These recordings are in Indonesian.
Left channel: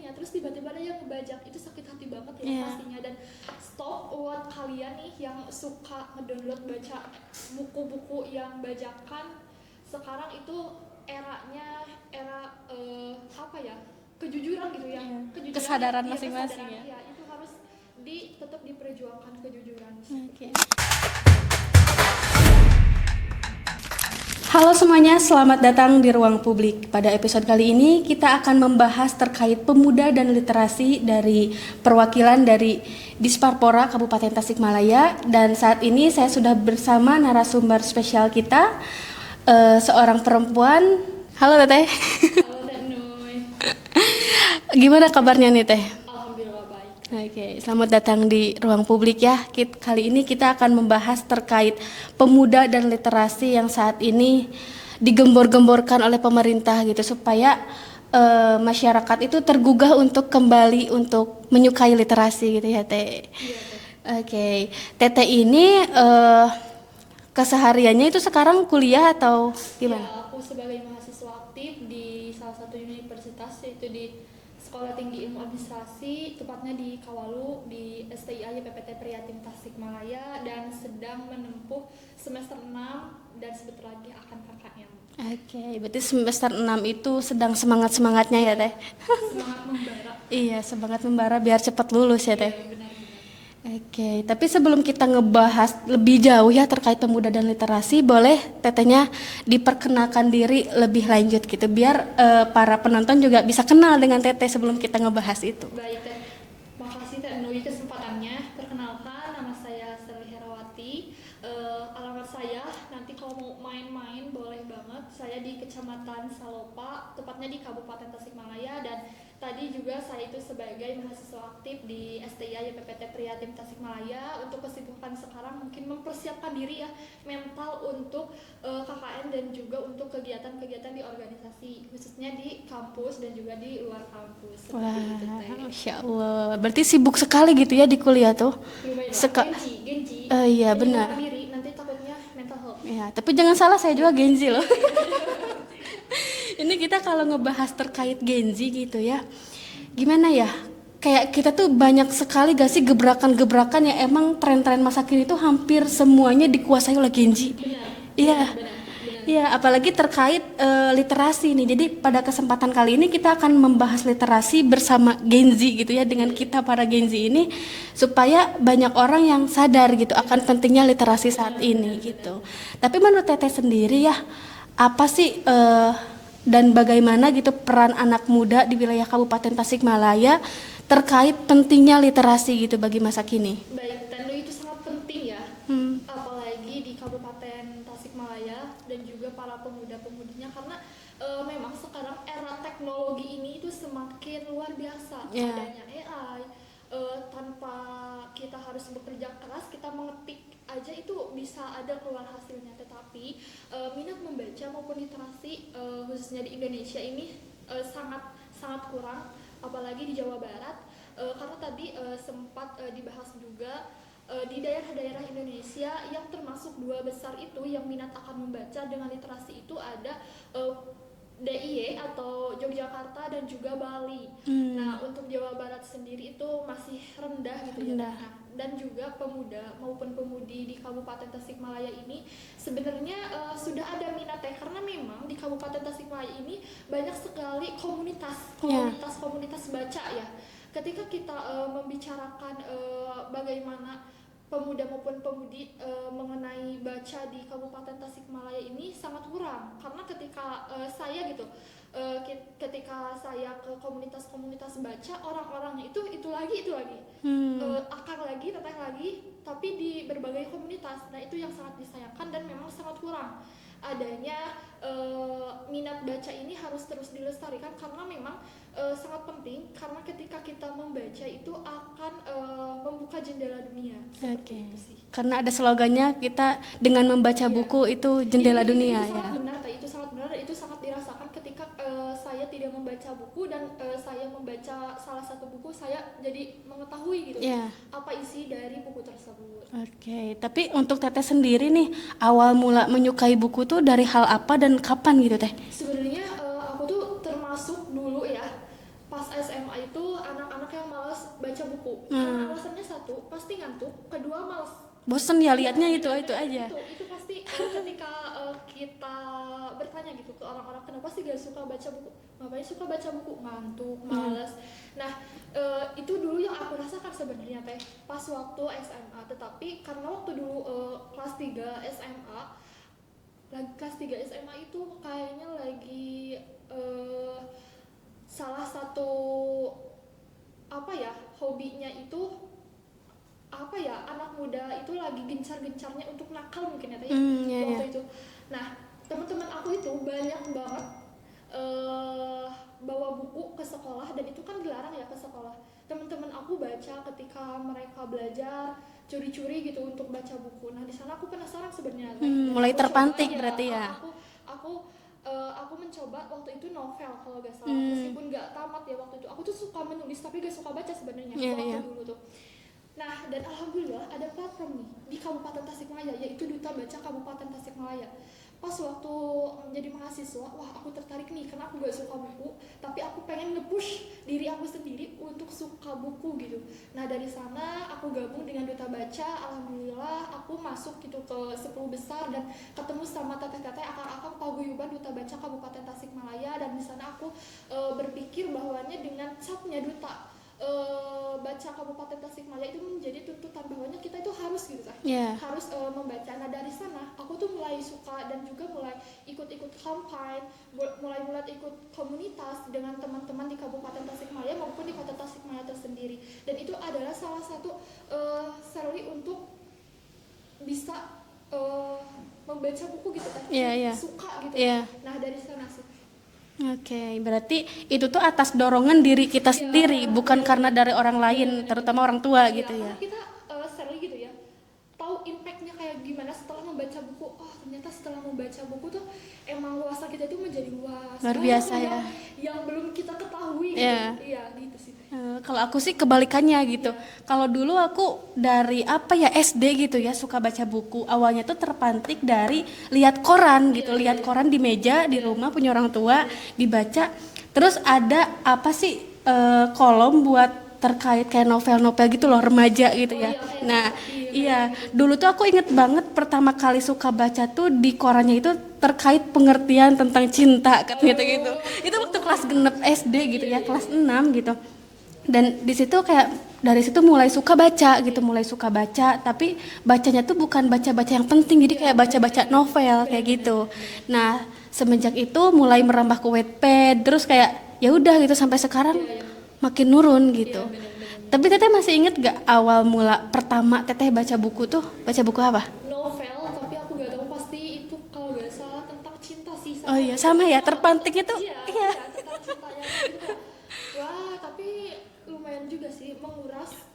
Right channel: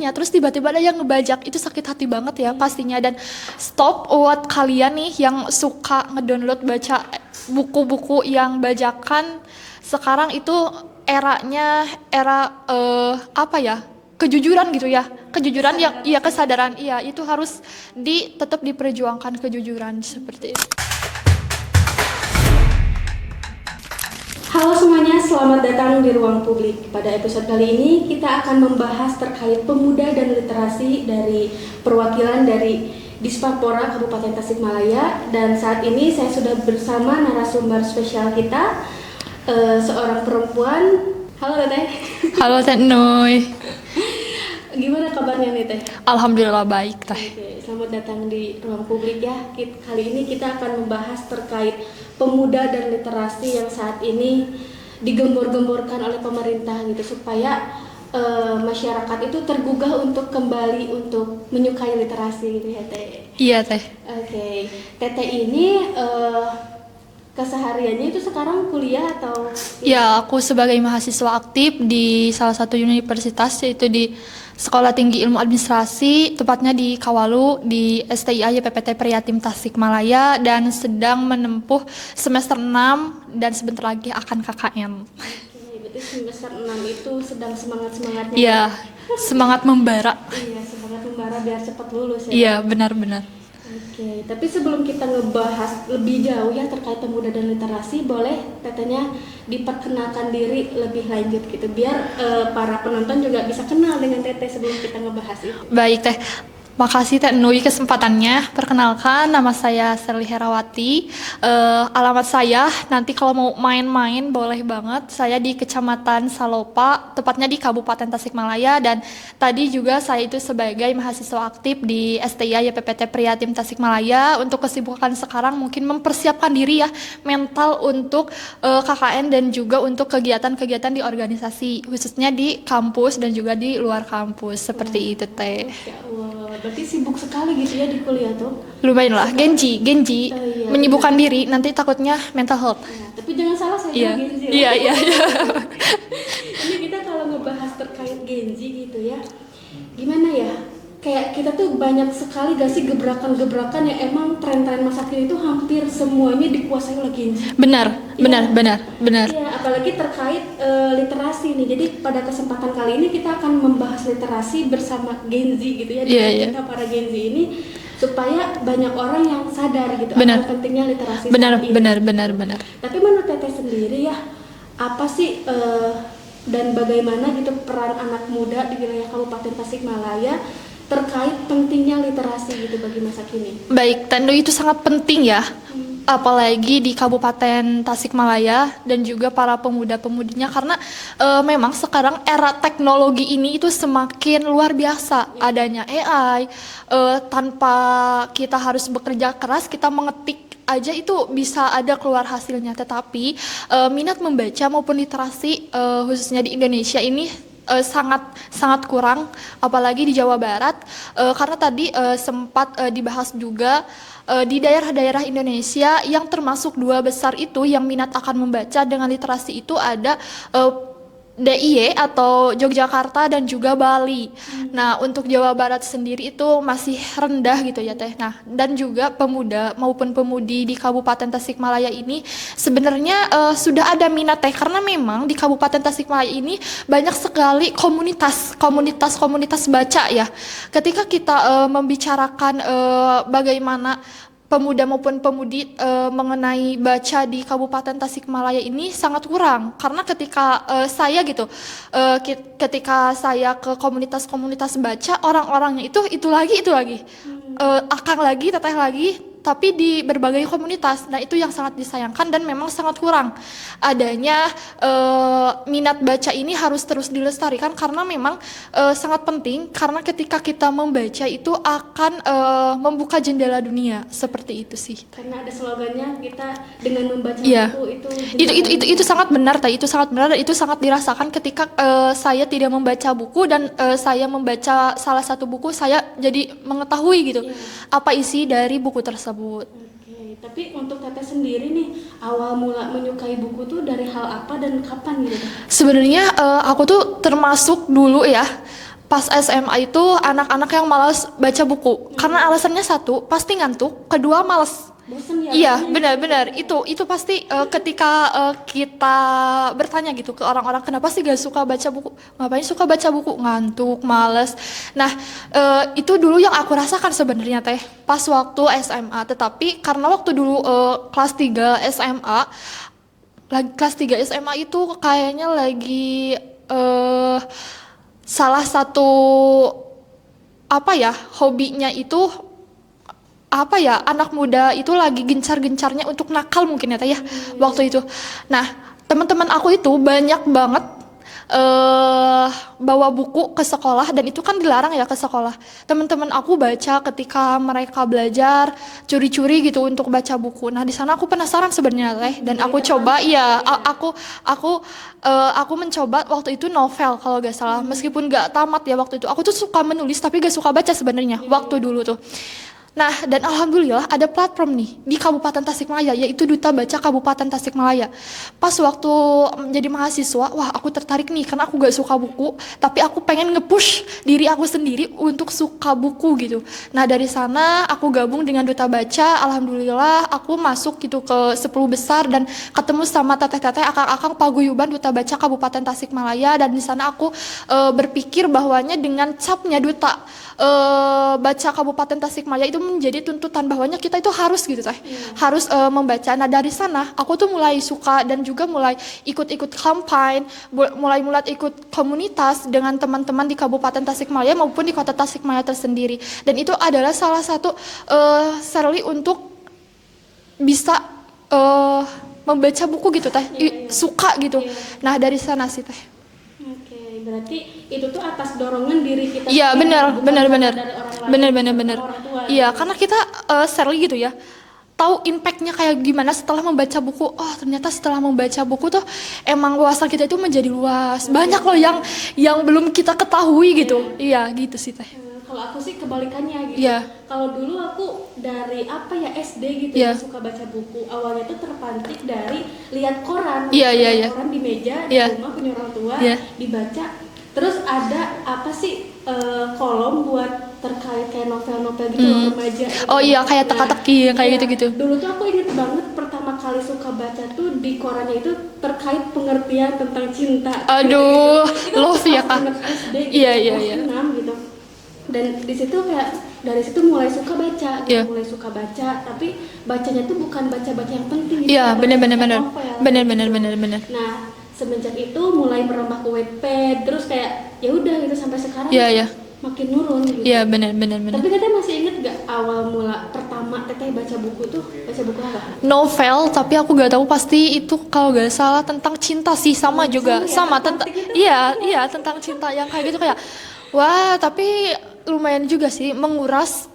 Ya, terus tiba-tiba ada yang ngebajak, itu sakit hati banget ya pastinya. Dan stop buat kalian nih yang suka ngedownload baca buku-buku yang bajakan. Sekarang itu eranya era apa ya, kejujuran gitu ya, kejujuran yang Kesadaran iya, masing-masing kesadaran iya, itu harus tetap diperjuangkan kejujuran seperti itu. Halo semuanya, selamat datang di Ruang Publik. Pada episode kali ini kita akan membahas terkait pemuda dan literasi dari perwakilan dari Dispapora Kabupaten Tasikmalaya. Dan saat ini saya sudah bersama narasumber spesial kita, seorang perempuan. Halo Teteh. Halo Teh Noy. Gimana kabarnya nih Teh? Alhamdulillah baik Teh. Oke, selamat datang di Ruang Publik ya. Kali ini kita akan membahas terkait pemuda dan literasi yang saat ini digembor-gemborkan oleh pemerintah gitu, supaya masyarakat itu tergugah untuk kembali untuk menyukai literasi gitu ya Teh. Iya Teh. Oke, Teteh ini kesehariannya itu sekarang kuliah atau Ya, aku sebagai mahasiswa aktif di salah satu universitas, yaitu di Sekolah Tinggi Ilmu Administrasi, tepatnya di Kawalu, di STIA YPPT Prihatim Tasikmalaya, dan sedang menempuh semester 6 dan sebentar lagi akan KKN. Oke, berarti semester 6 itu sedang semangat-semangatnya ya Iya, Teh? semangat membara. Iya, semangat membara biar cepat lulus ya. Iya, Teh? benar-benar. Oke, tapi sebelum kita ngebahas lebih jauh ya terkait pemuda dan literasi, boleh tetehnya diperkenalkan diri lebih lanjut gitu, biar para penonton juga bisa kenal dengan teteh sebelum kita ngebahas itu. Baik Teh, makasih Teh Nui kesempatannya. Perkenalkan, nama saya Serli Herawati. Alamat saya nanti kalau mau main-main boleh banget. Saya di Kecamatan Salopa, tepatnya di Kabupaten Tasikmalaya. Dan tadi juga saya itu sebagai mahasiswa aktif di STIA YPPT Prihatim Tasikmalaya. Untuk kesibukan sekarang mungkin mempersiapkan diri ya, mental untuk KKN dan juga untuk kegiatan-kegiatan di organisasi, khususnya di kampus dan juga di luar kampus seperti itu Teh. Masya Allah, berarti sibuk sekali gitu ya di kuliah tuh. Lumayan lah, Genji, Iya, menyibukkan benar. diri, nanti takutnya mental health. Ya, tapi jangan salah, saya juga Gen Z loh. Iya, iya, iya. Ini kita kalau ngebahas terkait Gen Z gitu ya, gimana ya? Kayak kita tuh banyak sekali gak sih gebrakan-gebrakan yang emang tren-tren masa kini tuh hampir semuanya dikuasai oleh Gen Z. Benar, Iya. benar. Iya, apalagi terkait literasi nih. Jadi pada kesempatan kali ini kita akan membahas literasi bersama Gen Z gitu ya, dengan Iya. kita para Gen Z ini, supaya banyak orang yang sadar gitu Benar. akan pentingnya literasi Benar, saat ini. benar. Tapi menurut Teteh sendiri ya, apa sih dan bagaimana gitu peran anak muda di wilayah Kabupaten Tasikmalaya terkait pentingnya literasi gitu bagi masa kini? Baik, Tendo itu sangat penting ya. Apalagi di Kabupaten Tasikmalaya dan juga para pemuda-pemudinya, karena memang sekarang era teknologi ini itu semakin luar biasa. Adanya AI, tanpa kita harus bekerja keras, kita mengetik aja itu bisa ada keluar hasilnya. Tetapi minat membaca maupun literasi khususnya di Indonesia ini sangat kurang, apalagi di Jawa Barat, karena tadi sempat dibahas juga di daerah-daerah Indonesia yang termasuk 2 besar itu yang minat akan membaca dengan literasi itu ada DIY atau Yogyakarta dan juga Bali. Nah, untuk Jawa Barat sendiri itu masih rendah gitu ya Teh. Nah, dan juga pemuda maupun pemudi di Kabupaten Tasikmalaya ini sebenarnya sudah ada minat Teh, karena memang di Kabupaten Tasikmalaya ini banyak sekali komunitas baca ya. Ketika kita membicarakan bagaimana pemuda maupun pemudi mengenai baca di Kabupaten Tasikmalaya ini sangat kurang, karena ketika saya gitu ketika saya ke komunitas-komunitas baca, orang-orangnya itu lagi akang lagi, teteh lagi, tapi di berbagai komunitas. Nah, itu yang sangat disayangkan dan memang sangat kurang adanya minat baca ini. Harus terus dilestarikan karena memang sangat penting, karena ketika kita membaca itu akan membuka jendela dunia, seperti itu sih. Karena ada slogannya, kita dengan membaca Iya. buku itu Itu sangat benar, itu sangat benar, dan itu sangat dirasakan ketika saya tidak membaca buku dan saya membaca salah satu buku, saya jadi mengetahui gitu Iya. apa isi dari buku tersebut. Oke, tapi untuk Teteh sendiri nih, awal mula menyukai buku tuh dari hal apa dan kapan gitu Teh? Sebenarnya aku tuh termasuk dulu ya pas SMA itu anak-anak yang malas baca buku. Karena alasannya satu, pasti ngantuk, kedua malas. Bosen ya. Iya, kayaknya benar-benar. gitu ya. Itu pasti ketika kita bertanya gitu ke orang-orang kenapa sih gak suka baca buku? Ngapain suka baca buku? Ngantuk, males. Nah, itu dulu yang aku rasakan sebenarnya teh pas waktu SMA. Tetapi karena waktu dulu kelas 3 SMA, lagi kelas 3 SMA itu kayaknya lagi salah satu apa ya, hobinya itu apa ya, anak muda itu lagi gencar-gencarnya untuk nakal mungkin ya teh ya waktu itu. Nah, teman-teman aku itu banyak banget bawa buku ke sekolah dan itu kan dilarang ya ke sekolah. Teman-teman aku baca ketika mereka belajar curi-curi gitu untuk baca buku. Nah, di sana aku penasaran sebenarnya teh dan aku coba ya, aku mencoba waktu itu novel kalau gak salah. Meskipun gak tamat ya waktu itu. Aku tuh suka menulis tapi gak suka baca sebenarnya waktu dulu tuh. Nah, dan alhamdulillah ada platform nih di Kabupaten Tasikmalaya, yaitu Duta Baca Kabupaten Tasikmalaya. Pas waktu menjadi mahasiswa, wah aku tertarik nih karena aku gak suka buku, tapi aku pengen nge-push diri aku sendiri untuk suka buku gitu. Nah, dari sana aku gabung dengan Duta Baca, alhamdulillah aku masuk gitu ke 10 besar dan ketemu sama teteh-teteh, akang-akang paguyuban Duta Baca Kabupaten Tasikmalaya, dan di sana aku berpikir bahwanya dengan capnya Duta Baca Kabupaten Tasikmalaya itu menjadi tuntutan bahwanya kita itu harus gitu teh, harus membaca. Nah, dari sana aku tuh mulai suka dan juga mulai ikut-ikut kampanye, mulai ikut komunitas dengan teman-teman di Kabupaten Tasikmalaya maupun di Kota Tasikmalaya tersendiri. Dan itu adalah salah satu Shirley untuk bisa membaca buku gitu teh, suka gitu. Nah, dari sana sih teh. Oke, berarti itu tuh atas dorongan diri kita Iya, sendiri, bukan karena benar. dari orang lain, terutama orang tua. Iya, gitu. karena kita Shirley gitu ya, tahu impactnya kayak gimana setelah membaca buku. Oh, ternyata setelah membaca buku tuh emang wawasan kita itu menjadi luas. Banyak loh yang belum kita ketahui gitu. Iya, gitu sih teh. Kalau aku sih kebalikannya gitu. Kalau dulu aku dari SD gitu ya, suka baca buku. Awalnya tuh terpantik dari lihat koran, lihat koran di meja di rumah punya orang tua, dibaca. Terus ada kolom buat terkait kayak novel-novel gitu loh, remaja gitu. Oh iya, kayak teka-teki kayak gitu-gitu. Dulu tuh aku inget banget pertama kali suka baca tuh di korannya itu terkait pengertian tentang cinta. Aduh, gitu. Itu love tuh ya pas kan. SD gitu, kelas 6 gitu. Dan di situ dari situ mulai suka baca gitu, mulai suka baca, tapi bacanya tuh bukan baca-baca yang penting gitu, kayak baca-baca novel bener. Nah, semenjak itu mulai merambah ke Wattpad, terus kayak ya udah gitu sampai sekarang makin nurun gitu. Iya, benar. Tapi Teteh masih inget gak awal mula pertama Teteh baca buku tuh, baca buku apa? Novel, tapi aku gak tahu pasti itu kalau gak salah tentang cinta sih, sama juga sama tentang tentang cinta yang kayak gitu, kayak wah, tapi lumayan juga sih menguras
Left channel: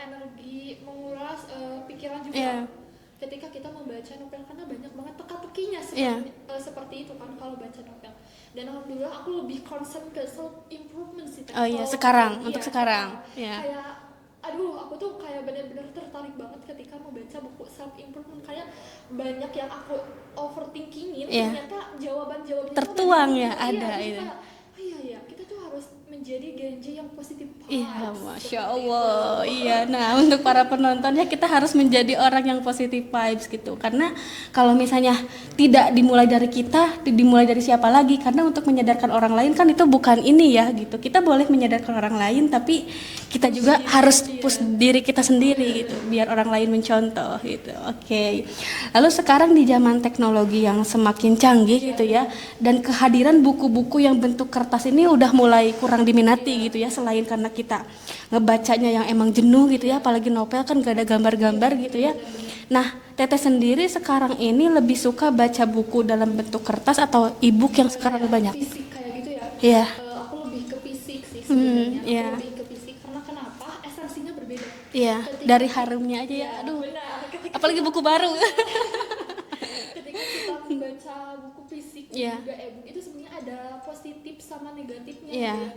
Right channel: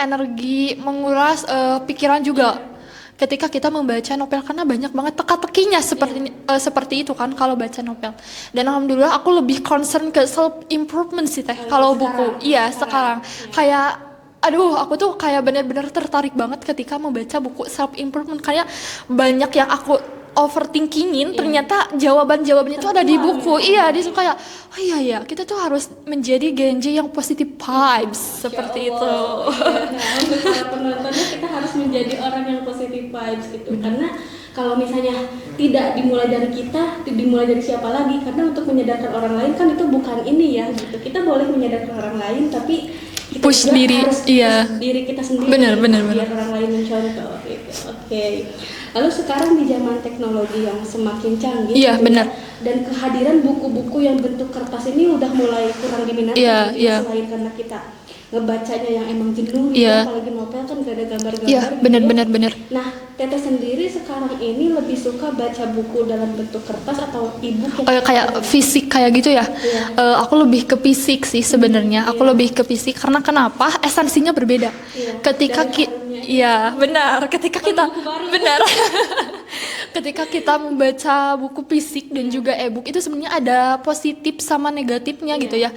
energi, menguras pikiran juga. Ketika kita membaca novel, karena banyak banget teka-tekinya seperti itu kan kalau baca novel. Dan alhamdulillah aku lebih concern ke self improvement sih teh kalau buku. Iya, sekarang. Kayak aduh, aku tuh kayak benar-benar tertarik banget ketika membaca buku self improvement, kayak banyak yang aku overthinkingin, ternyata jawaban-jawabannya itu ada di buku. Dia suka kayak, oh iya, kita tuh harus menjadi Genji yang positive vibes seperti itu. Iya, nah untuk para penontonnya kita harus menjadi orang yang positive vibes gitu. Karena kalau misalnya tidak dimulai dari kita, dimulai dari siapa lagi? Karena untuk menyadarkan orang lain kan itu bukan ini ya gitu. Kita boleh menyadarkan orang lain, tapi kita push juga diri, harus push diri kita sendiri biar orang lain mencontoh gitu. Oke. Lalu sekarang di zaman teknologi yang semakin canggih gitu ya, dan kehadiran buku-buku yang bentuk kertas ini udah mulai kurang diminati gitu ya, selain karena kita ngebacanya yang emang jenuh gitu ya, apalagi novel kan gak ada gambar-gambar gitu bener. Nah, Teteh sendiri sekarang ini lebih suka baca buku dalam bentuk kertas atau e-book yang kayak fisik kayak gitu ya? Aku lebih ke fisik sih sebenarnya. Aku lebih ke fisik karena kenapa? Esensinya berbeda. Ketika ketika kita buku baru. Benar. Ketika kita membaca buku fisik dan juga e-book itu sebenarnya ada positif sama negatifnya gitu ya.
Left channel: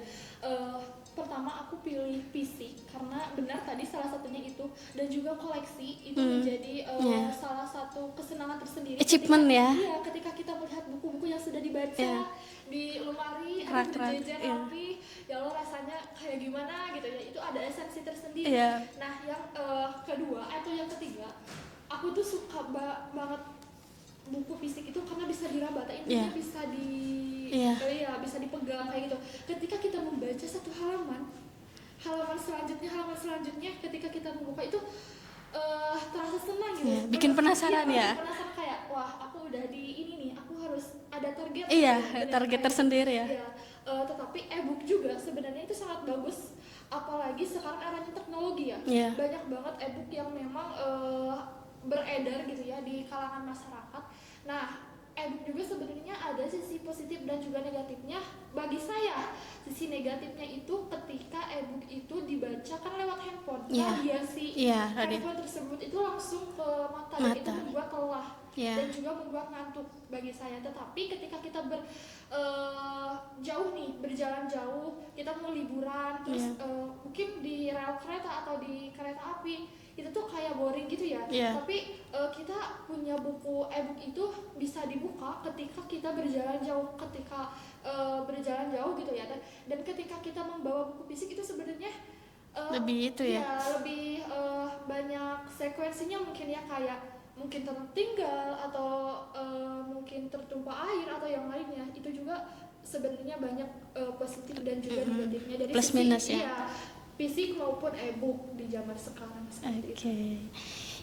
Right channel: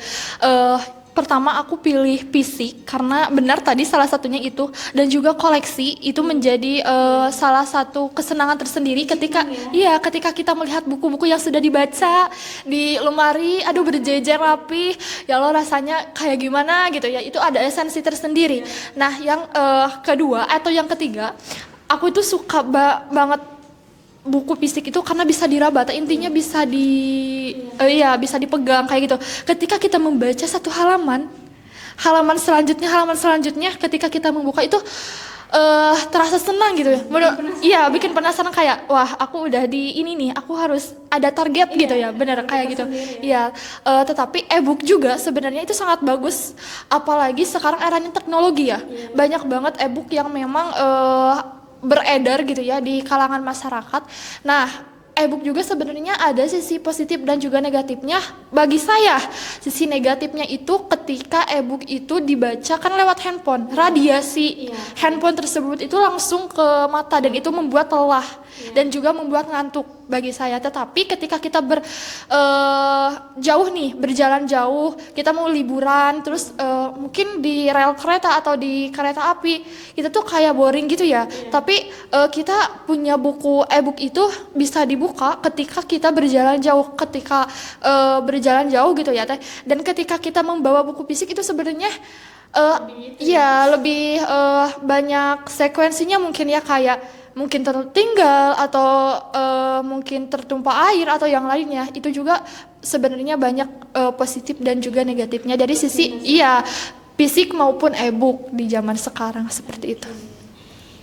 pertama aku pilih fisik karena benar tadi salah satunya itu, dan juga koleksi itu menjadi salah satu kesenangan tersendiri ketika Achievement, iya ketika kita melihat buku-buku yang sudah dibaca di lemari, aduh berjejer rapi, ya Allah rasanya kayak gimana gitu ya, itu ada esensi tersendiri. Nah yang kedua atau yang ketiga, aku itu suka banget buku fisik itu karena bisa diraba, intinya bisa bisa dipegang kayak gitu. Ketika kita membaca satu halaman selanjutnya ketika kita membuka itu terasa senang gitu ya. Bikin penasaran kayak wah aku udah di ini nih, aku harus ada target gitu ya, benar kayak gitu. Iya, tetapi e-book juga sebenarnya itu sangat bagus, apalagi sekarang eranya teknologi ya. Banyak banget e-book yang memang beredar gitu ya di kalangan masyarakat. Nah, e-book juga sebenarnya ada sisi positif dan juga negatifnya. Bagi saya, sisi negatifnya itu ketika e-book itu dibaca kan lewat handphone, radiasi handphone tersebut itu langsung ke mata dan itu membuat lelah dan juga membuat ngantuk bagi saya. Tetapi ketika kita berjalan jauh, kita mau liburan, terus mungkin di rel kereta atau di kereta api, kita tuh kayak boring gitu ya. Tapi kita punya buku e-book itu bisa dibuka ketika kita berjalan jauh, gitu ya teh. Dan ketika kita membawa buku fisik itu sebenarnya lebih banyak sekuensinya mungkin ya, kayak mungkin tertinggal atau mungkin tertumpah air atau yang lainnya. Itu juga sebenarnya banyak positif dan juga negatifnya dari sisi fisik maupun e-book di zaman sekarang seperti itu.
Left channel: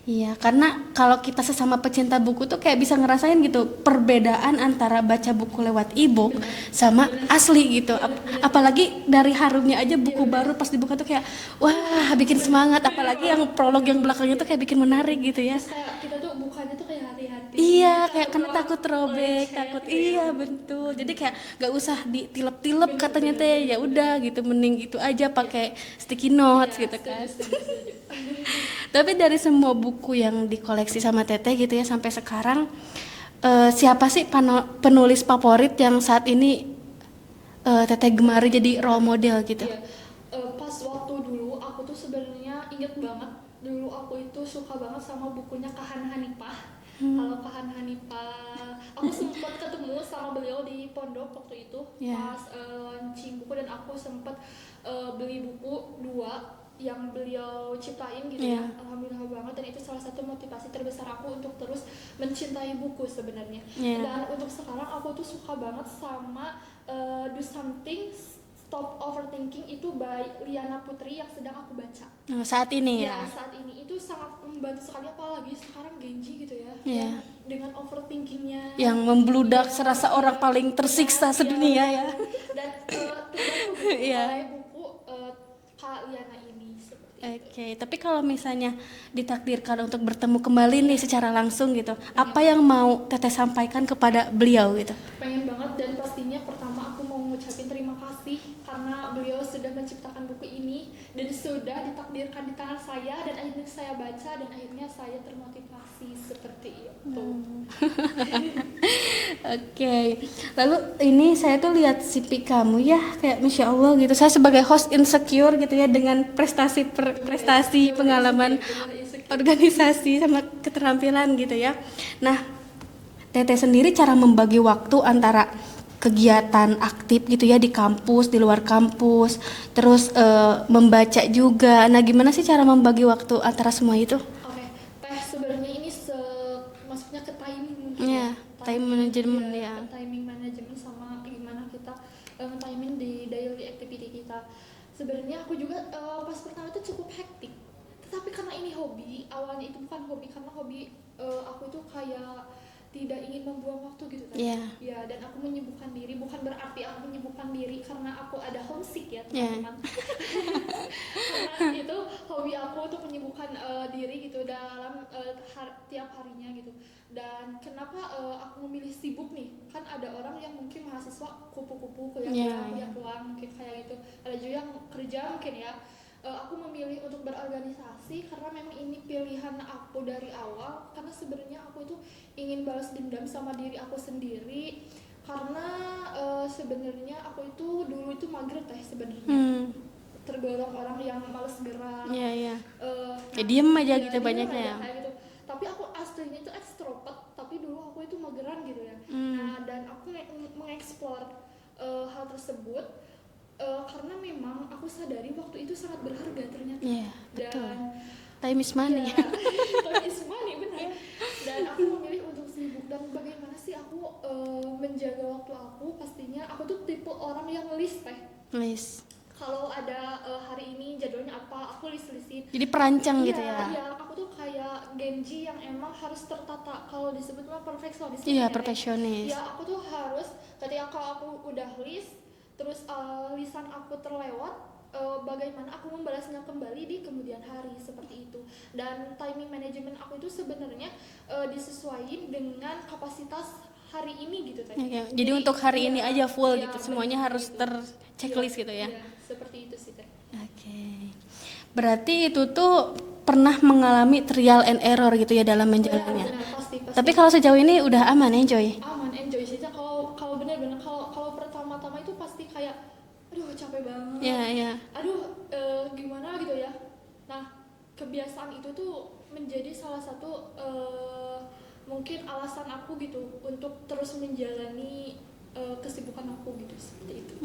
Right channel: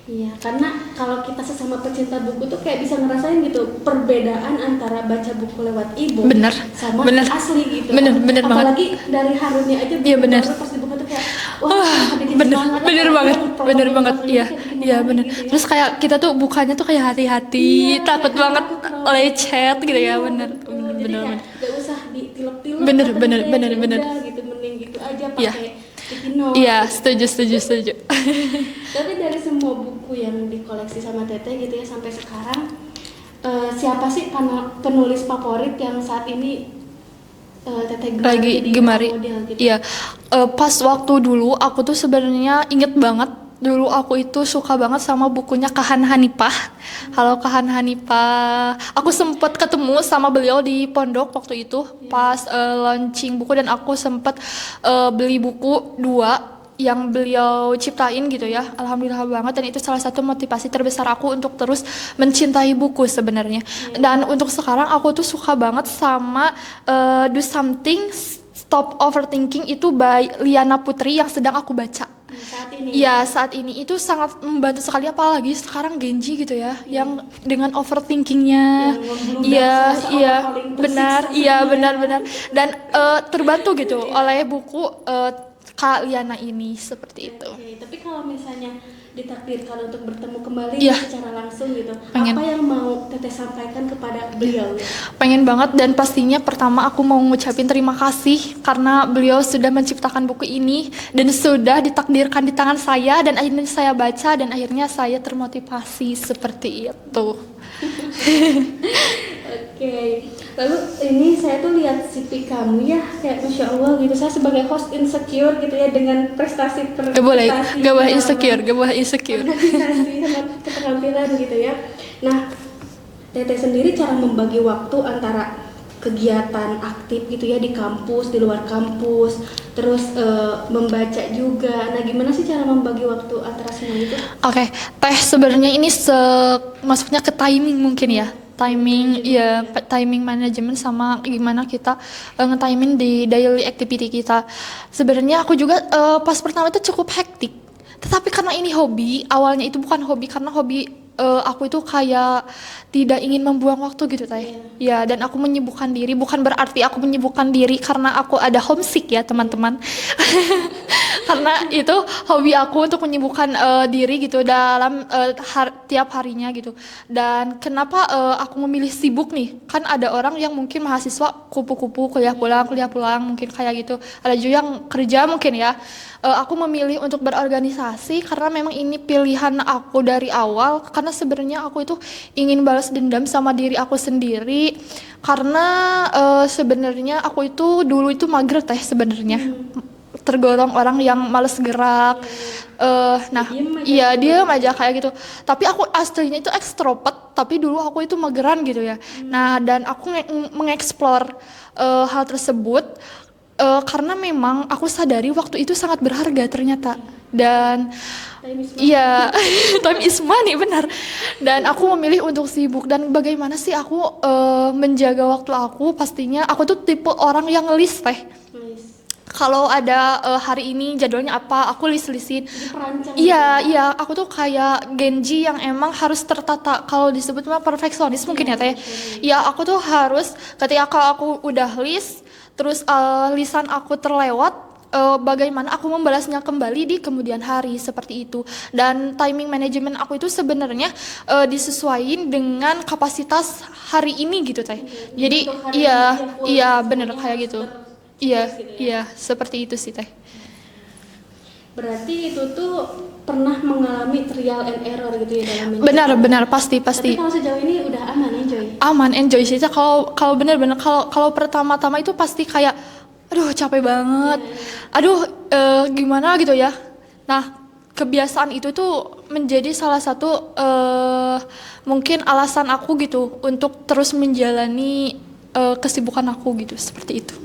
Iya, karena kalau kita sesama pecinta buku tuh kayak bisa ngerasain gitu perbedaan antara baca buku lewat e-book sama asli gitu. Bener apalagi banget. Dari harunya aja buku baru pas dibuka tuh kayak wah bikin semangat. Bener banget. Iya, kayak bikin menarik gitu ya. Terus kayak kita tuh bukanya tuh kayak hati-hati, takut banget lecet gitu ya, bener. Jadi kayak gak usah ditilep-tilep katanya udah gitu, mending gitu aja pakai sticky note. Iya, gitu. setuju. Tapi dari semua buku yang dikoleksi sama Teteh gitu ya sampai sekarang, siapa sih penulis favorit yang saat ini Teteh gemari model gitu? Iya, pas waktu dulu aku tuh sebenarnya inget banget. Dulu aku itu suka banget sama bukunya Kahan Hanifah. Halo Kahan Hanifah. Aku sempat ketemu sama beliau di pondok waktu itu pas launching buku, dan aku sempat beli buku 2 yang beliau ciptain gitu ya. Alhamdulillah banget, dan itu salah satu motivasi terbesar aku untuk terus mencintai buku sebenarnya. Dan untuk sekarang aku tuh suka banget sama Do Something Stop Overthinking, itu by Liana Putri yang sedang aku baca. Saat ini saat ini itu sangat membantu sekali, apalagi sekarang Genji gitu ya, yang dengan overthinkingnya yang membludak seorang paling tersiksa benar dan terbantu gitu oleh buku Kak Liana ini seperti itu. Tapi kalau misalnya ditakdirkan untuk bertemu kembali secara langsung gitu, pengen. Apa yang mau Teteh sampaikan kepada beliau gitu? Pengen banget, dan pastinya pertama aku mau ngucapin terima kasih karena beliau sudah menciptakan buku ini dan sudah ditakdirkan di tangan saya, dan akhirnya saya baca dan akhirnya saya termotivasi seperti itu. Oke. Lalu ini saya tuh lihat CV kamu ya, kayak Masya Allah gitu. Saya sebagai host insecure gitu ya dengan prestasi Gak boleh insecure. Organisasi sama keterampilan gitu ya. Nah, Teteh sendiri cara membagi waktu antara kegiatan aktif gitu ya di kampus, di luar kampus, terus membaca juga. Nah, gimana sih cara membagi waktu antara semua itu? Oke, Teh sebenarnya ini masuknya ke timing mungkin ya. Timing manajemen sama gimana kita nge-timing di daily activity kita. Sebenarnya aku juga pas pertama itu cukup hektik. Tetapi karena ini hobi, awalnya itu bukan hobi, karena hobi aku itu kayak tidak ingin membuang waktu gitu Teh. Ya, dan aku menyibukkan diri, bukan berarti aku menyibukkan diri karena aku ada homesick ya teman-teman. Karena itu hobi aku untuk menyibukkan diri gitu dalam tiap harinya gitu. Dan kenapa aku memilih sibuk nih? Kan ada orang yang mungkin mahasiswa kupu-kupu kuliah pulang mungkin kayak gitu. Ada juga yang kerja mungkin ya. Aku memilih untuk berorganisasi karena memang ini pilihan aku dari awal, karena sebenarnya aku itu ingin balas dendam sama diri aku sendiri, karena sebenarnya aku itu dulu itu mager Teh sebenarnya. tergolong orang yang males gerak. Nah, diem aja kayak gitu. Tapi aku aslinya itu ekstrovert, tapi dulu aku itu mageran gitu ya. Nah, dan aku mengeksplor hal tersebut karena memang aku sadari waktu itu sangat berharga ternyata. Dan time is money. iya, time is money, benar. Dan aku memilih untuk sibuk. Dan bagaimana sih aku menjaga waktu aku? Pastinya aku tuh tipe orang yang list teh. Kalau ada hari ini jadwalnya apa, aku list-listin. Jadi perancang. Iya, aku tuh kayak Genji yang emang harus tertata. Kalau disebut mah perfeksionis mungkin ya teh. Ya, aku tuh harus ketika kalau aku udah list, terus lisan aku terlewat, bagaimana aku membalasnya kembali di kemudian hari seperti itu. Dan timing management aku itu sebenarnya disesuaikan dengan kapasitas hari ini gitu teh. Jadi untuk hari ini aja full, iya gitu, benar semuanya kayak harus gitu. gitu ya. Iya, seperti itu sih teh. Berarti itu tuh pernah mengalami trial and error gitu ya dalam menjalankan. Benar, pasti. Tapi kalau sejauh ini udah aman, enjoy. Aman, enjoy sih. Kalau benar-benar kalau pertama-tama itu pasti kayak aduh capek banget. Aduh gimana gitu ya. Nah, kebiasaan itu tuh menjadi salah satu mungkin alasan aku gitu untuk terus menjalani kesibukan aku gitu, seperti itu.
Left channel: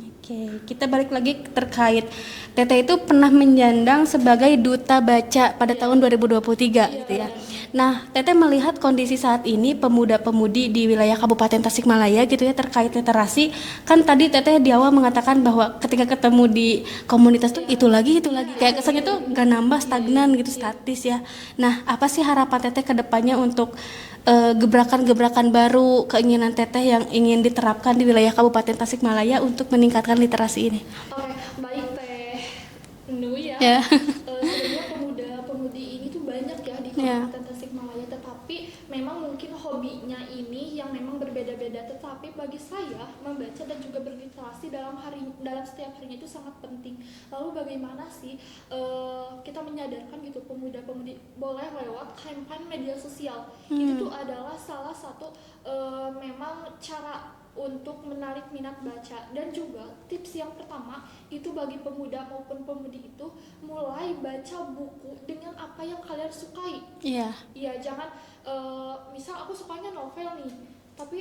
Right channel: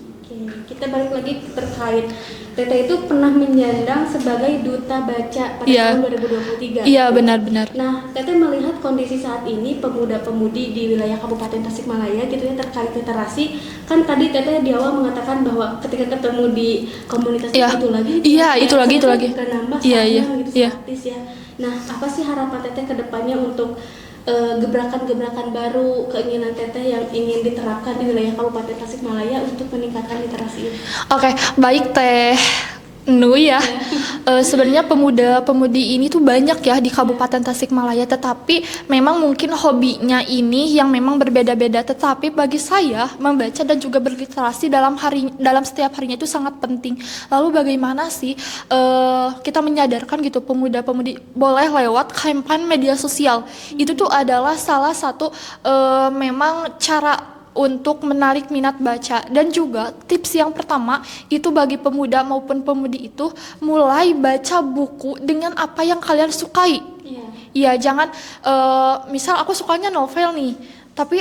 Kita balik lagi terkait Teteh itu pernah menyandang sebagai duta baca pada tahun 2023. Iya, benar-benar. Nah, Teteh melihat kondisi saat ini pemuda-pemudi di wilayah Kabupaten Tasikmalaya gitu ya terkait literasi. Kan tadi Teteh di awal mengatakan bahwa ketika ketemu di komunitas itu lagi itu lagi gak nambah stagnan gitu, statis ya. Nah, apa sih harapan Teteh ke depannya untuk gebrakan-gebrakan baru, keinginan Teteh yang ingin diterapkan di wilayah Kabupaten Tasikmalaya untuk meningkatkan literasi ini? Oke, baik Teh Nu ya. Sebenarnya pemuda-pemudi ini tuh banyak ya di Kabupaten Tasikmalaya, tetapi memang mungkin hobinya ini yang memang berbeda-beda. Tetapi bagi saya membaca dan juga berliterasi dalam setiap harinya itu sangat penting. Lalu bagaimana sih kita menyadarkan gitu pemuda-pemudi boleh lewat kampanye media sosial. Itu tuh adalah salah satu memang cara untuk menarik minat baca. Dan juga tips yang pertama itu bagi pemuda maupun pemudi itu mulai baca buku dengan apa yang kalian sukai. Iya, jangan misal aku sukanya novel nih, tapi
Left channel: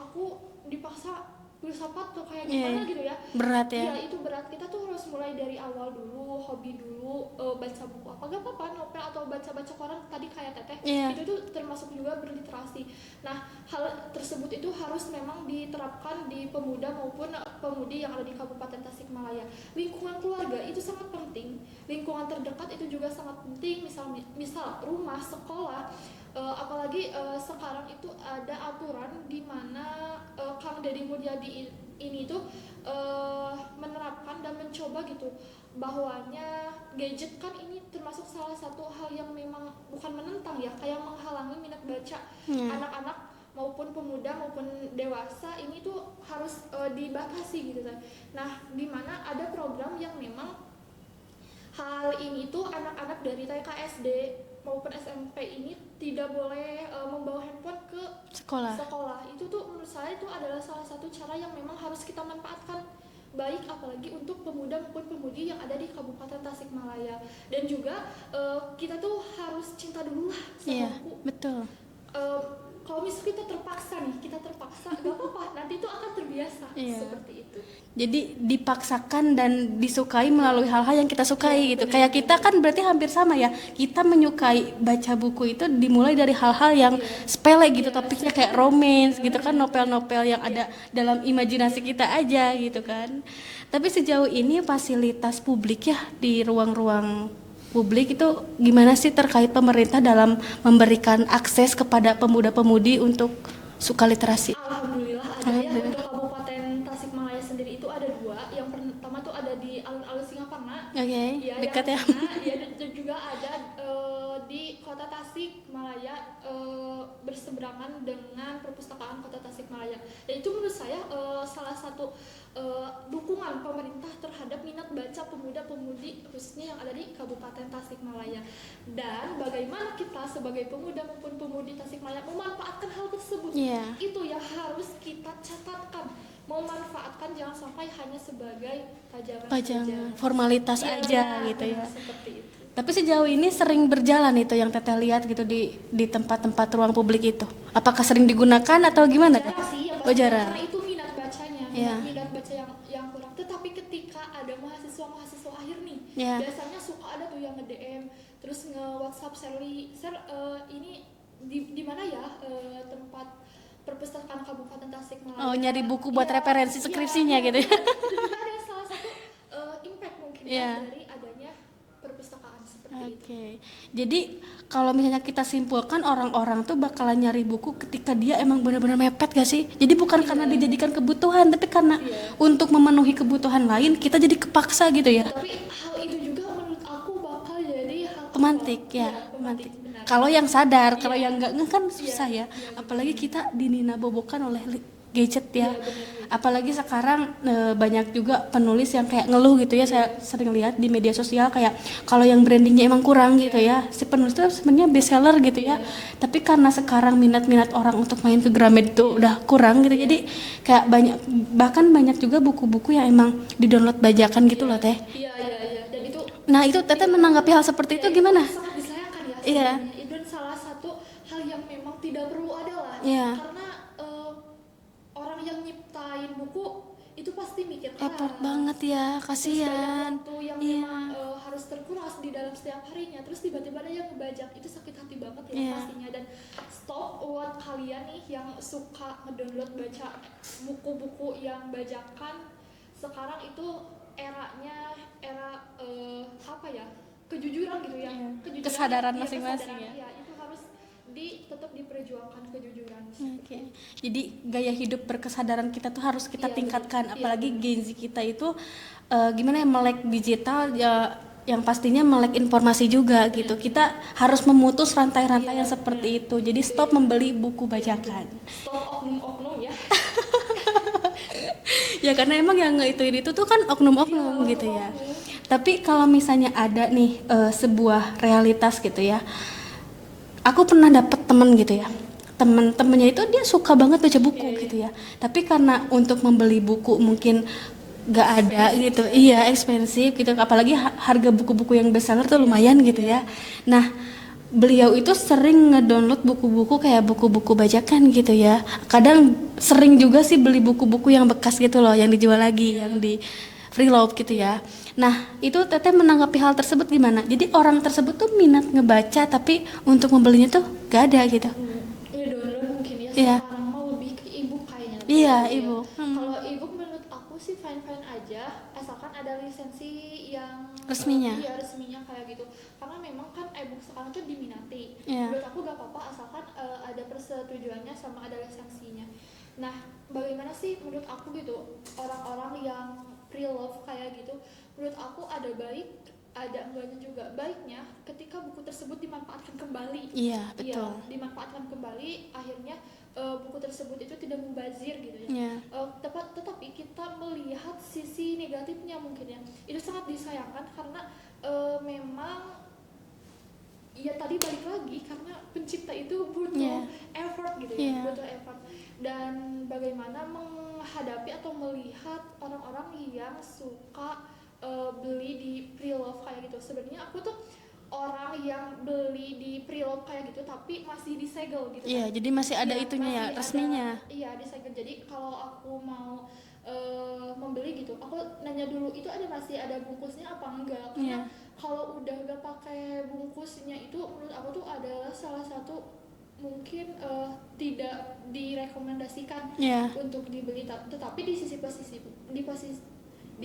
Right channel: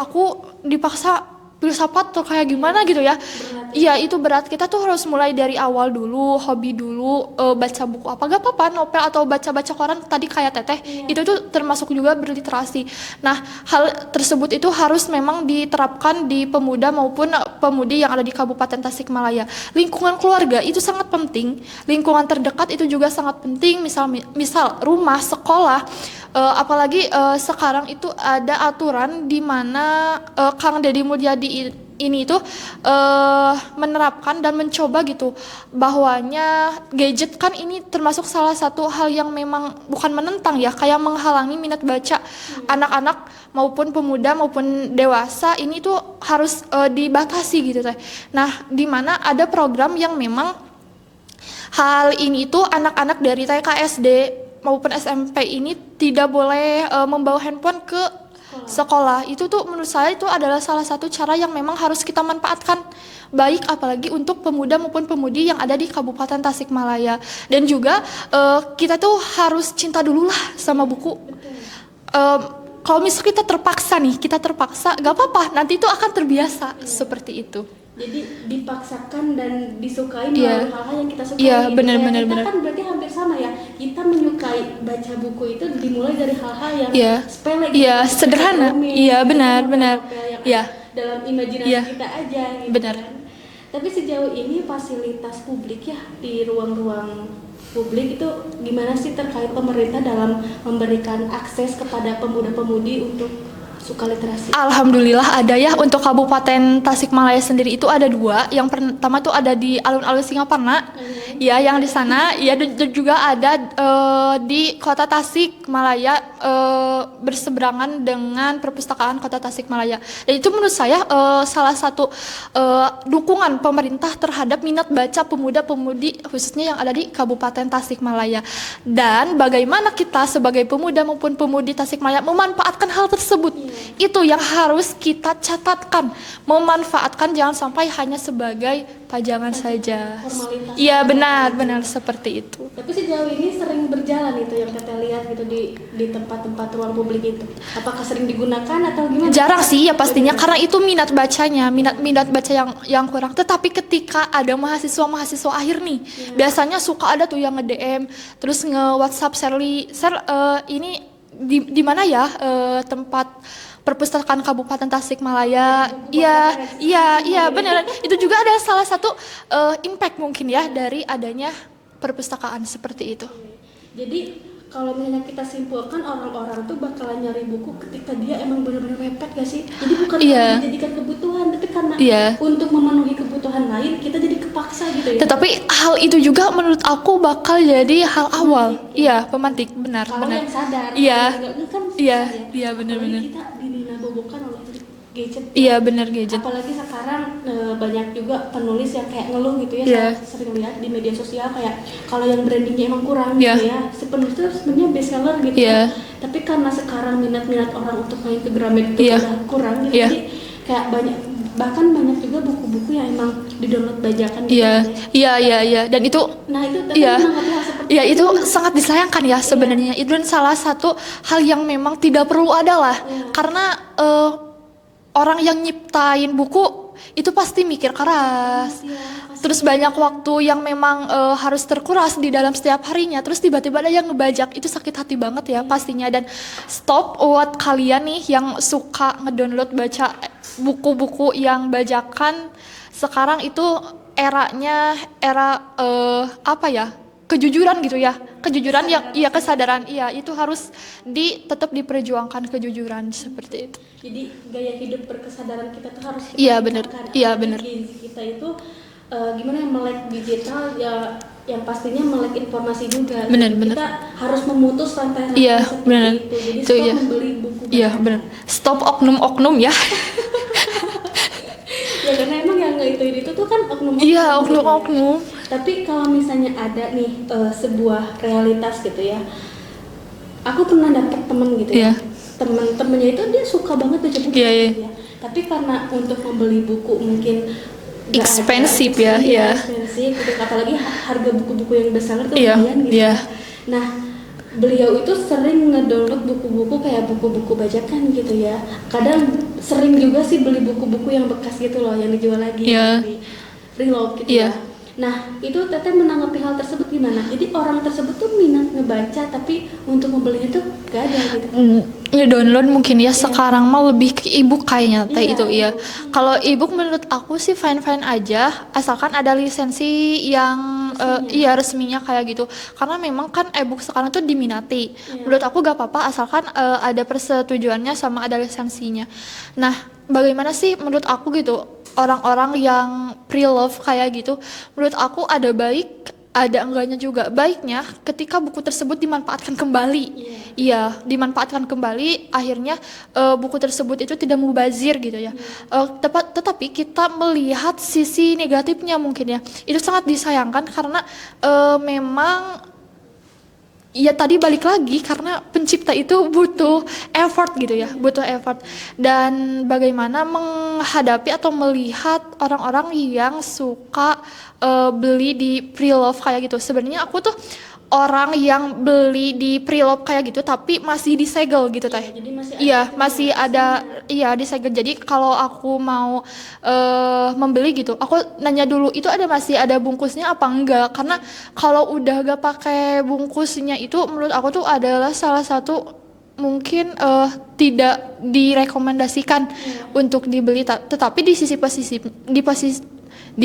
aku dipaksa filsafat atau kayak gimana gitu ya. Iya, itu berat. Kita tuh harus mulai dari awal dulu, hobi dulu, baca buku apa gak apa-apa, novel atau baca-baca koran tadi kayak Teteh. Itu tuh termasuk juga berliterasi. Nah, hal tersebut itu harus memang diterapkan di pemuda maupun pemudi yang ada di Kabupaten Tasikmalaya. Lingkungan keluarga itu sangat penting. Lingkungan terdekat itu juga sangat penting. Misal rumah, sekolah. Apalagi sekarang itu ada aturan di mana Kang Deddy Mulyadi ini tuh menerapkan dan mencoba gitu bahwanya gadget kan ini termasuk salah satu hal yang memang bukan menentang ya, kayak menghalangi minat baca anak-anak maupun pemuda maupun dewasa ini tuh harus dibatasi gitu teh. Nah, di mana ada program yang memang hal ini tuh anak-anak dari TK, SD maupun SMP ini tidak boleh membawa handphone ke sekolah. Itu tuh menurut saya itu adalah salah satu cara yang memang harus kita manfaatkan baik, apalagi untuk pemuda maupun pemudi yang ada di Kabupaten Tasikmalaya. Dan juga kita tuh harus cinta dulu lah sama buku. Kalau misalnya kita terpaksa gak apa-apa, nanti itu akan terbiasa seperti itu. Jadi dipaksakan dan disukai melalui hal-hal yang kita sukai. Kayak kita kan berarti hampir sama ya. Kita menyukai baca buku itu dimulai dari hal-hal yang sepele gitu, sederhana. Benar. Novel yang ada dalam imajinasi kita aja gitu kan. Tapi sejauh ini fasilitas publik ya di ruang-ruang publik itu gimana sih terkait pemerintah dalam memberikan akses kepada pemuda-pemudi untuk suka literasi? Alhamdulillah ada ya. Untuk Kabupaten Tasikmalaya sendiri itu ada 2. Yang pertama tuh ada di alun-alun Singaparna. Ya, yang di sana ya, dan juga ada di Kota Tasikmalaya berseberangan dengan Perpustakaan Kota Tasikmalaya. Dan itu menurut saya salah satu dukungan pemerintah terhadap minat baca pemuda-pemudi khususnya yang ada di Kabupaten Tasikmalaya. Dan bagaimana kita sebagai pemuda maupun pemudi Tasikmalaya memanfaatkan hal tersebut. Itu yang harus kita catatkan, memanfaatkan, jangan sampai hanya sebagai pajangan saja. Formalitas. Iya, aja benar seperti itu. Tapi sejauh ini sering berjalan itu yang Teteh lihat gitu di tempat-tempat ruang publik itu. Apakah sering digunakan atau gimana? Jarang sih ya pastinya, jarang. karena itu minat bacanya, minat baca yang kurang. Tetapi ketika ada mahasiswa akhir nih, biasanya suka ada tuh yang nge-DM, terus nge-WhatsApp ini di mana ya tempat perpustakaan Kabupaten Tasikmalaya. Iya gitu. benar. Itu juga ada salah satu impact mungkin ya dari adanya perpustakaan seperti itu. Jadi kalau misalnya kita simpulkan, orang-orang tuh bakalan nyari buku ketika dia emang benar-benar mepet gak sih? Jadi bukan karena dijadikan kebutuhan, tapi karena untuk memenuhi kebutuhan lain kita jadi kepaksa gitu ya. Tetapi hal itu juga menurut aku bakal jadi hal awal. Iya, pemantik, benar. Kalau yang sadar, kalau yang enggak kan susah ya. Iya, benar. Apalagi kita dininabobokan oleh gadget ya. Iya, benar, gadget. Apalagi sekarang banyak juga penulis yang kayak ngeluh gitu ya. Saya sering lihat di media sosial kayak kalau yang brandingnya emang kurang gitu ya. Si penulis itu sebenarnya best seller gitu ya. Tapi karena sekarang minat-minat orang untuk main ke Gramet itu udah kurang gitu. Jadi kayak banyak juga buku-buku yang emang di-download bajakan gitu ya. Iya. Dan itu Teteh menanggapi hal seperti itu sangat disayangkan ya sebenarnya. Itu salah satu hal yang memang tidak perlu ada lah. Karena orang yang nyiptain buku itu pasti mikir keras, terus banyak waktu yang memang harus terkuras di dalam setiap harinya, terus tiba-tiba ada yang ngebajak, itu sakit hati banget ya pastinya. Dan stop buat kalian nih yang suka ngedownload baca buku-buku yang bajakan. Sekarang itu era kejujuran gitu ya, kejujuran yang kesadaran itu harus tetap diperjuangkan, kejujuran seperti itu. Jadi gaya hidup berkesadaran kita tuh harus kita tingkatkan. Benar. Gizi kita itu gimana ya, melek digital ya, yang pastinya melek informasi juga. Benar. Kita harus memutus rantai-rantai seperti itu. Jadi stop membeli buku bajakan. Iya benar. Stop oknum-oknum ya. Ya karena emang yang itu tuh kan oknum-oknum. Iya, Gitu oknum-oknum. ya. Tapi kalau misalnya ada nih sebuah realitas gitu ya. Aku pernah dapet teman gitu ya. Temen-temennya itu dia suka banget baca buku gitu ya. Tapi karena untuk membeli buku mungkin gak expensive ada, gitu, expensive gitu. Apalagi harga buku-buku yang besar tuh lumayan gitu ya. Nah, beliau itu sering ngedownload buku-buku kayak buku-buku bajakan gitu ya. Kadang sering juga sih beli buku-buku yang bekas gitu loh, yang dijual lagi yang di freeload gitu ya. Nah, itu Teteh menanggapi hal tersebut gimana? Jadi orang tersebut tuh minat ngebaca tapi untuk membelinya tuh gak ada gitu. Ya download mungkin ya. Sekarang mah lebih ke ebook kayaknya itu. Kalau ebook menurut aku sih fine aja, asalkan ada lisensi yang resminya kayak gitu. Karena memang kan ebook sekarang tuh diminati. Menurut aku gak apa-apa asalkan ada persetujuannya sama ada lisensinya. Nah, bagaimana sih menurut aku gitu orang-orang yang pre-love kayak gitu? Menurut aku ada enggaknya juga. Baiknya ketika buku tersebut dimanfaatkan kembali. Dimanfaatkan kembali, akhirnya buku tersebut itu tidak mubazir gitu ya. Tetapi kita melihat sisi negatifnya mungkin ya. Itu sangat disayangkan karena memang ya tadi balik lagi karena pencipta itu butuh effort gitu ya, butuh effort. Dan bagaimana menghadapi atau melihat orang-orang yang suka beli di pre-love kayak gitu. Sebenarnya aku tuh orang yang beli di pre-love kayak gitu tapi masih disegel gitu teh. Jadi masih ada disegel. Jadi kalau aku mau membeli gitu, aku nanya dulu itu masih ada bungkusnya apa enggak, karena kalau udah gak pakai bungkusnya itu menurut aku tuh adalah salah satu mungkin tidak direkomendasikan untuk dibeli. Tetapi di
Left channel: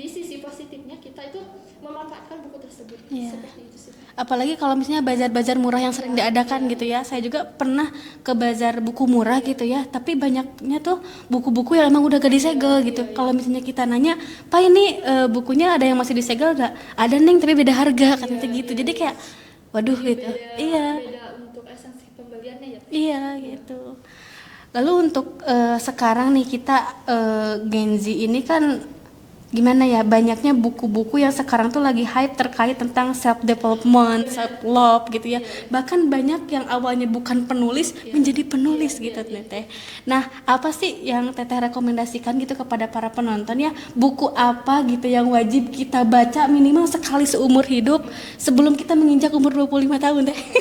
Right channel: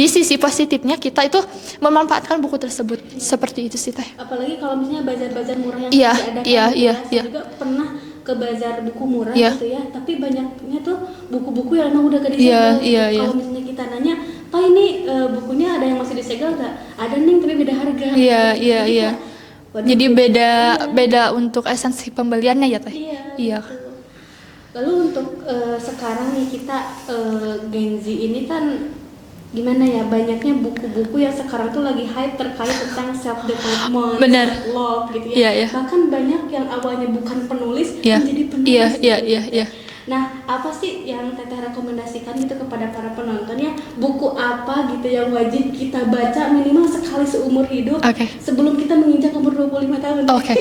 sisi positifnya kita itu memanfaatkan buku tersebut. Seperti itu sih teh. Apalagi kalau misalnya bazar-bazar murah yang sudah diadakan Saya juga pernah ke bazar buku murah gitu ya, tapi banyaknya tuh buku-buku yang emang udah gak disegel gitu. Kalau misalnya kita nanya, "Pak ini bukunya ada yang masih disegel gak?" "Ada Neng, tapi beda harga." Jadi kayak jadi beda untuk esensi pembeliannya ya teh. Iya. Lalu untuk sekarang nih kita Gen Z ini kan gimana ya, banyaknya buku-buku yang sekarang tuh lagi hype terkait tentang self development, Bener. self love gitu ya. Iya, iya. Bahkan banyak yang awalnya bukan penulis Iya. menjadi penulis. Iya, gitu, iya, Teteh. iya. Nah, apa sih yang Teteh rekomendasikan gitu kepada para penonton ya? Buku apa gitu yang wajib kita baca minimal sekali seumur hidup Oke. sebelum kita menginjak umur 25 tahun? Oke.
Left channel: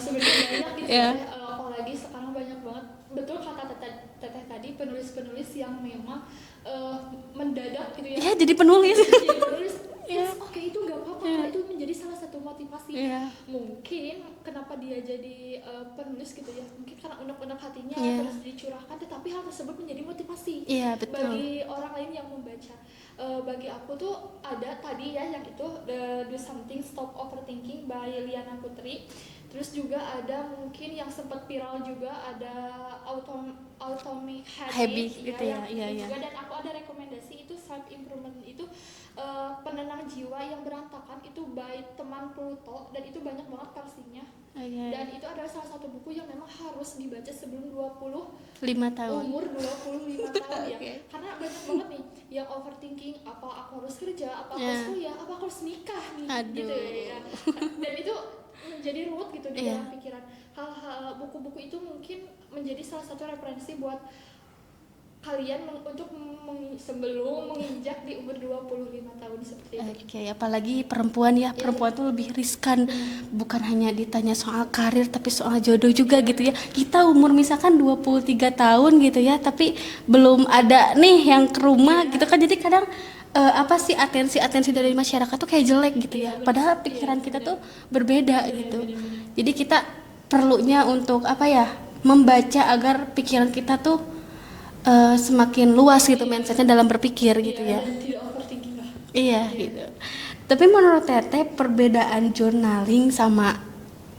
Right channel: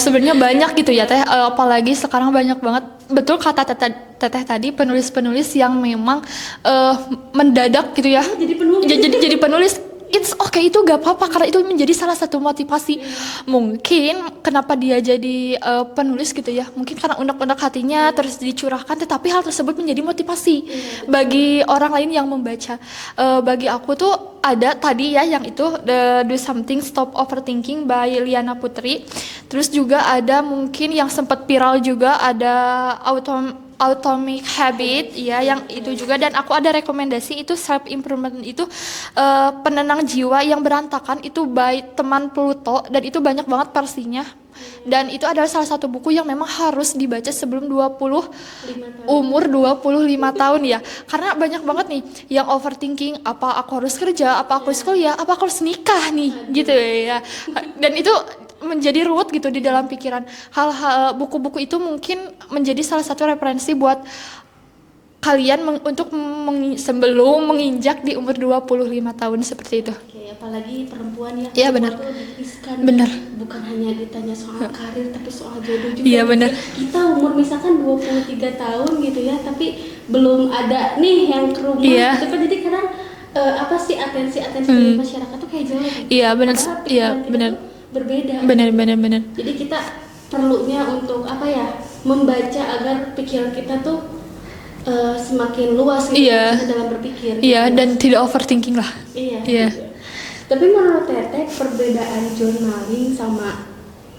Sebenarnya banyak gitu ya Teh. Apalagi sekarang banyak banget. Betul kata Teteh tadi, penulis-penulis yang memang mendadak gitu ya. Jadi penulis. Jadi penulis. It's okay, itu gak apa-apa karena itu menjadi salah satu motivasi. Mungkin kenapa dia jadi penulis gitu ya, mungkin karena unek-unek hatinya terus dicurahkan, tetapi hal tersebut menjadi motivasi bagi orang lain yang membaca. Bagi aku tuh ada tadi ya yang itu Do Something Stop Overthinking by Liana Putri. Terus juga ada mungkin yang sempat viral juga, ada Atomic Habit ya, yang itu juga. Dan aku ada rekomendasi itu self improvement itu penenang jiwa yang berantakan, itu by teman Pluto, dan itu banyak banget versinya. Dan itu adalah salah satu buku yang memang harus dibaca sebelum 5 tahun. umur 25 tahun ya. Karena banyak banget nih yang overthinking, apa aku harus kerja, apa aku harus kuliah, apa aku harus nikah nih. Gitu ya. Dan itu menjadi ruwet gitu di dalam pikiran. Hal-hal buku-buku itu mungkin menjadi salah satu referensi buat kalian untuk sebelum menginjak di umur 25 tahun seperti itu. Oke, apalagi perempuan ya, Iya, perempuan benar. tuh lebih riskan. Benar. Bukan hanya ditanya soal karir tapi soal jodoh juga Iya, gitu benar. ya. Kita umur misalkan 23 tahun gitu ya, tapi belum ada nih yang ke rumah Iya. gitu kan. Jadi kadang apa sih atensi dari masyarakat tuh kayak jelek gitu. Iya, benar. Padahal pikiran Iya, kita benar. tuh berbeda. Benar, gitu. benar. Jadi kita perlunya untuk apa ya? Membaca agar pikiran kita tuh semakin luas gitu Iya. dalam berpikir. Iya, gitu ya. dan tidak overthinking lah. Iya. Iya. Tapi menurut Teteh perbedaan journaling sama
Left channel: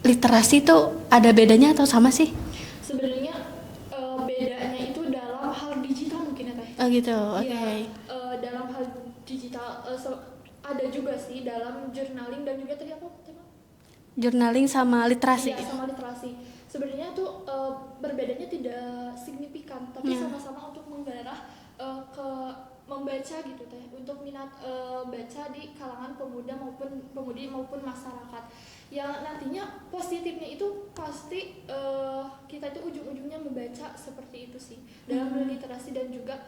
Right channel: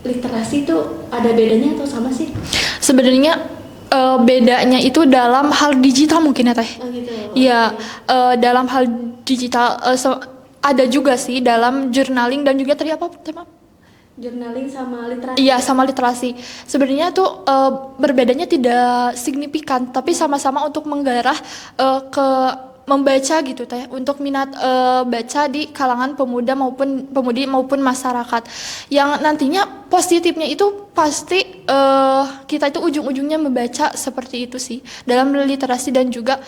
literasi itu ada bedanya atau sama sih? Sebenarnya bedanya itu dalam hal digital mungkin ya Teh. Oh gitu. Iya, oke. dalam hal digital ada juga sih dalam journaling dan juga tadi apa tema? Journaling sama literasi. Iya, sama literasi. Sebenarnya tuh berbedanya tidak signifikan, tapi sama-sama untuk menggarah ke membaca gitu Teh, untuk minat baca di kalangan pemuda maupun pemudi maupun masyarakat. Yang nantinya positifnya itu pasti kita itu ujung-ujungnya membaca seperti itu sih, dalam literasi dan juga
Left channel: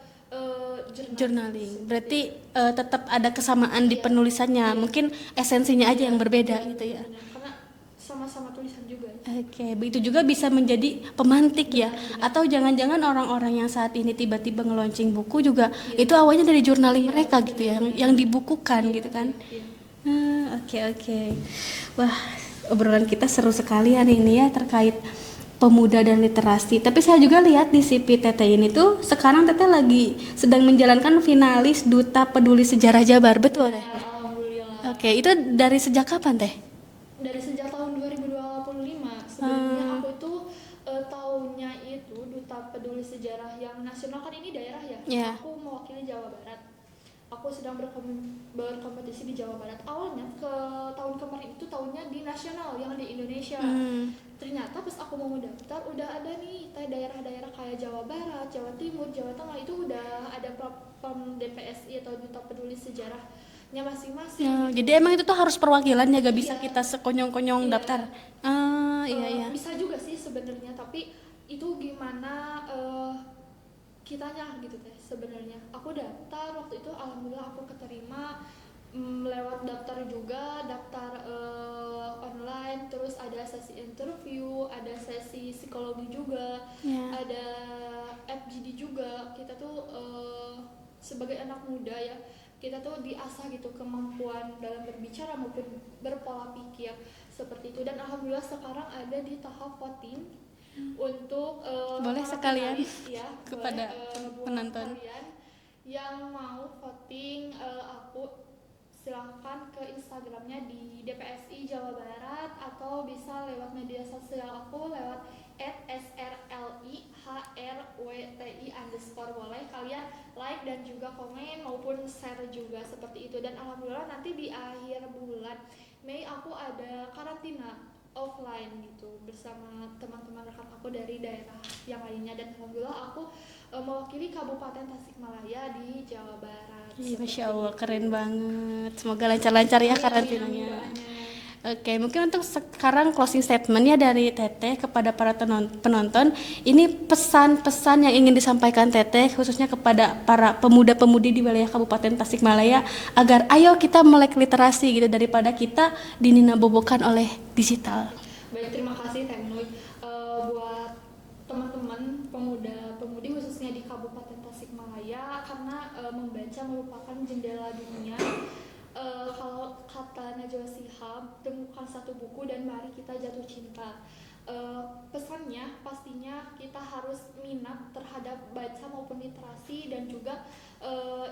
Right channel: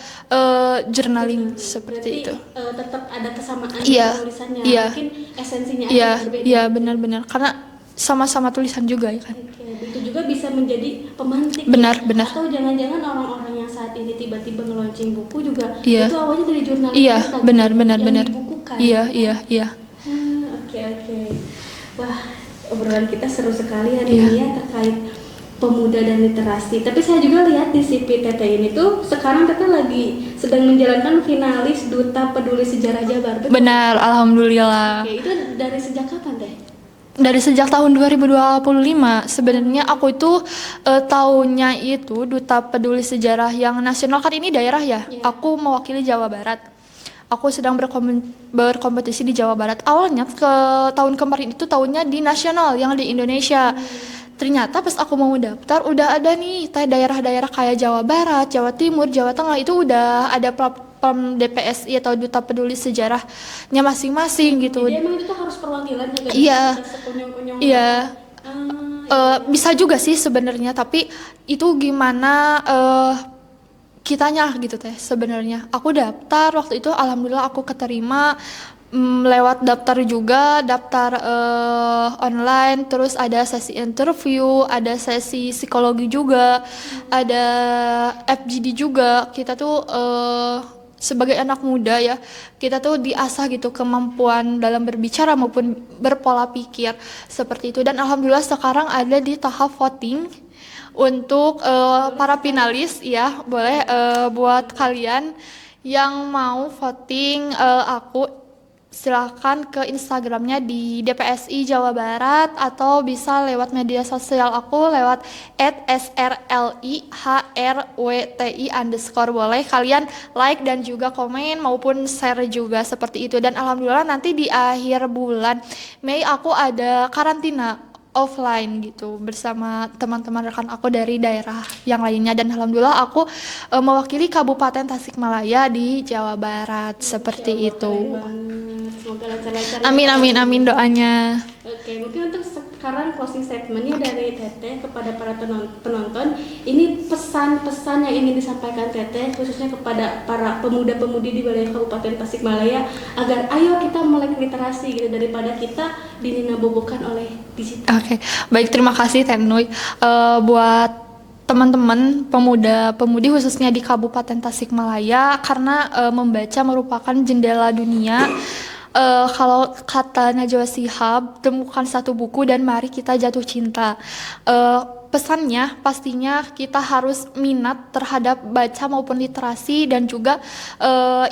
journaling seperti Berarti itu. tetap ada kesamaan Iya, di penulisannya. iya. Mungkin esensinya aja Iya, yang berbeda. iya gitu. benar-benar karena sama-sama tulisan juga ya kan. Oke, begitu juga bisa menjadi pemantik Benar, ya. benar. Atau jangan-jangan orang-orang yang saat ini tiba-tiba nge-launching buku juga Iya. itu awalnya dari jurnaling Iya, mereka, benar, gitu ya, benar, yang benar. dibukukan. Iya, gitu kan. iya. Oke. Wah, obrolan kita seru sekali hari ini ya terkait pemuda dan literasi. Tapi saya juga lihat di CV Teteh ini tuh sekarang Teteh lagi sedang menjalankan finalis Duta Peduli Sejarah Jabar, betul? Benar, alhamdulillah. Oke, itu dari sejak kapan Teh? Dari sejak tahun 2025 sebenarnya aku itu tahunnya itu Duta Peduli Sejarah yang nasional, kan ini daerah ya. Iya. Aku mewakili Jawa Barat. Aku sedang berkompetisi di Jawa Barat. Awalnya tahun kemarin itu tahunnya di nasional yang di Indonesia. Ternyata pas aku mau daftar udah ada nih daerah-daerah kayak Jawa Barat, Jawa Timur, Jawa Tengah itu udah ada platform DPSI atau Duta Peduli Sejarahnya masing-masing gitu. Jadi emang itu tuh harus perwakilannya gak Iya. bisa sekonyong-konyong. Iya. Iya. Bisa juga sih sebenarnya, tapi itu gimana kitanya gitu Teh sebenarnya. Aku daftar waktu itu, alhamdulillah aku keterima lewat daftar juga, daftar online, terus ada sesi interview, ada sesi psikologi juga, ada FGD juga. Kita tuh sebagai anak muda ya, kita tuh diasah gitu kemampuan dalam berbicara maupun berpola pikir seperti itu. Dan alhamdulillah sekarang ada di tahap voting untuk para finalis ya. Boleh buat kalian yang mau voting aku silakan ke Instagramnya di DPSI Jawa Barat, atau bisa lewat media sosial aku lewat @srlihrwti_. Boleh kalian like dan juga komen maupun share juga seperti itu. Dan alhamdulillah nanti di akhir bulan Mei aku ada karantina offline gitu bersama teman-teman rekan aku dari daerah yang lainnya, dan alhamdulillah aku mewakili Kabupaten Tasikmalaya di Jawa Barat seperti Masya Allah, itu. keren banget. Semoga lancar-lancar ya. Amin Kak amin Tati. amin doanya. Oke, mungkin untuk sekarang closing statementnya dari Teteh kepada para penonton, ini pesan-pesan yang ingin disampaikan Teteh khususnya kepada para pemuda-pemudi di wilayah Kabupaten Tasikmalaya agar ayo kita melek literasi gitu daripada kita dininabobokan oleh digital. Oke, baik, terima kasih Teh Nui. Buat teman-teman pemuda-pemudi khususnya di Kabupaten Tasikmalaya, karena membaca merupakan jendela dunia. Kalau kata Najwa Shihab, temukan satu buku dan mari kita jatuh cinta. Pesannya pastinya kita harus minat terhadap baca maupun literasi, dan juga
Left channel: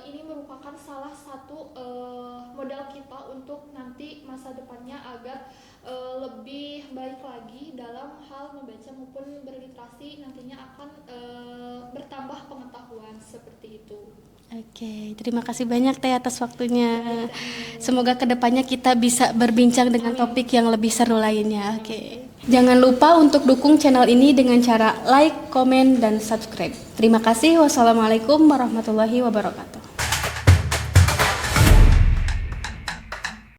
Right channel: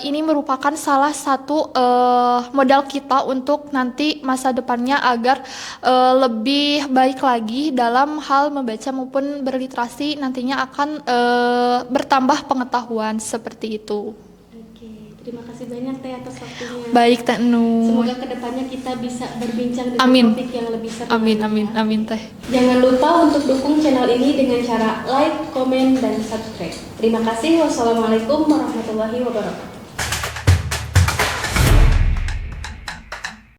ini merupakan salah satu modal kita untuk nanti masa depannya agar lebih baik lagi dalam hal membaca maupun berliterasi, nantinya akan bertambah pengetahuan seperti itu. Oke, terima kasih banyak Teh atas waktunya. Baik Teh Nur. Semoga kedepannya kita bisa berbincang dengan Amin. topik yang lebih seru Amin, lainnya. amin, Oke. amin, Teh. Jangan lupa untuk dukung channel ini dengan cara like, komen, dan subscribe. Terima kasih. Wassalamualaikum warahmatullahi wabarakatuh.